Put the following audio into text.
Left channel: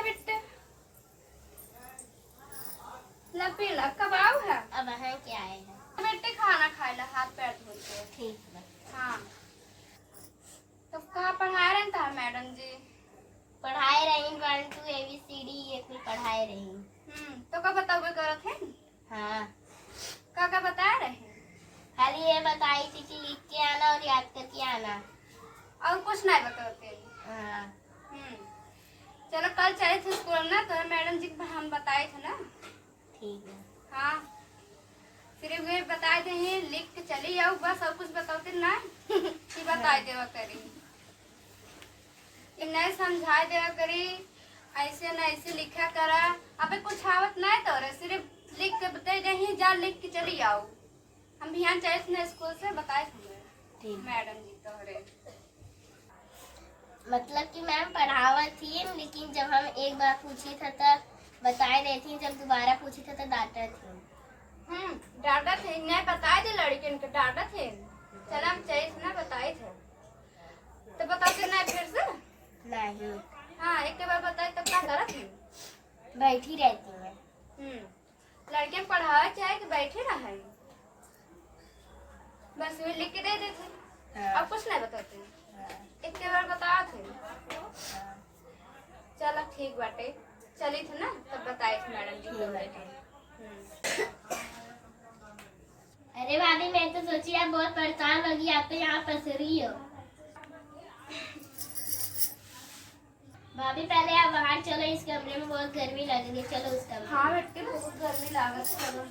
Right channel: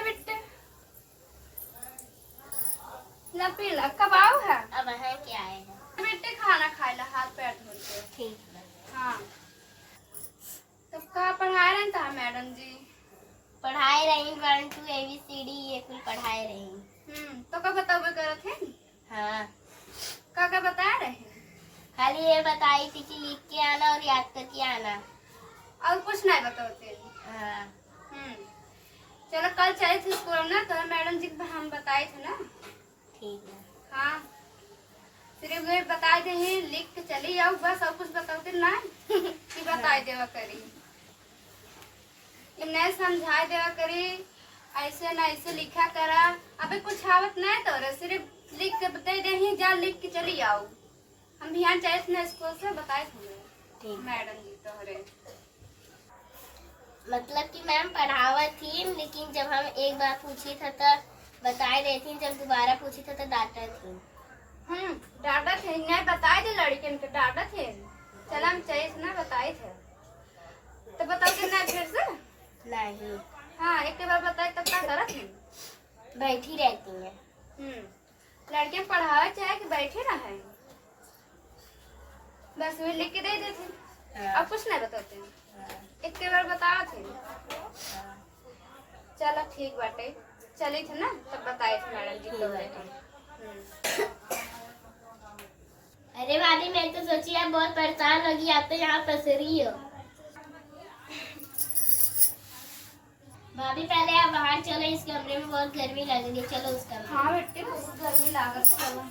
है बेटे, पीला कबाब है। अब है क्या है बेटे खाना खाए ला, हाथ पैर धो के। ठीक है। हाँ तो कहाँ पढ़ा रहे था मैडम जी? पढ़ाई रही 1 2 ABCD ये कुल पढ़ाई रही। तो का बताओ कर थे? हाँ का बता रहे? खाली ये बताई थी कि लिख के आना और याद करके आना, और कुछ नहीं बताते। हाँ चलो कल चले थे स्कूल में ना, तो मैडम जी को हम बताए थे ना। ठीक है। हाँ सिर्फ वे बताए थे ही लिख के चली जाओ बस, और कुछ बताते ना कि बताए देवा करी, नहीं समझाए देवा करी, ऐसे ना ऐसे लिखा करा। अबे कुछ आवत नहीं तो रे, सिर्फ लिख के बताई दे ही जा, लिख के चली आओ। हम ध्यान चाहिए थे ना स्कूल से बताए थे मैडम जी तोहरे। मतलब कि मैम पढ़ावा थी, लेकिन जब हम एक बार पूछे थे तो बताए रही थी, जब दोबारा पूछे थे तो डांटा थी। डांटा थे नहीं बताए थे, लड़के को डांटा थे। चल हम चाहिए थे ना बताए थे, तो बताते ना फिर से नहीं। हाँ एक बार बताए तब क्या करा थी? बैठी रहती है। लड़के पढ़ावे चाहे कि बैठे रहे, बस वे लिख के दे देते। हाँ। अब कुछ नहीं बताते। एक बार बताओ थे। चलो ठीक बाटे, चली थे ना तब बताए थे मैडम जी को। अरे भाभी मैं तो सोची आप बहुत परेशान होगी, आप तो यहाँ फंस रही हो। भाभी पहले आप बाहर चलो, इस कमरे में बहुत गर्मी लग रही है, चलो उस कमरे। हाँ बेटे बहुत गर्मी लागत। चलो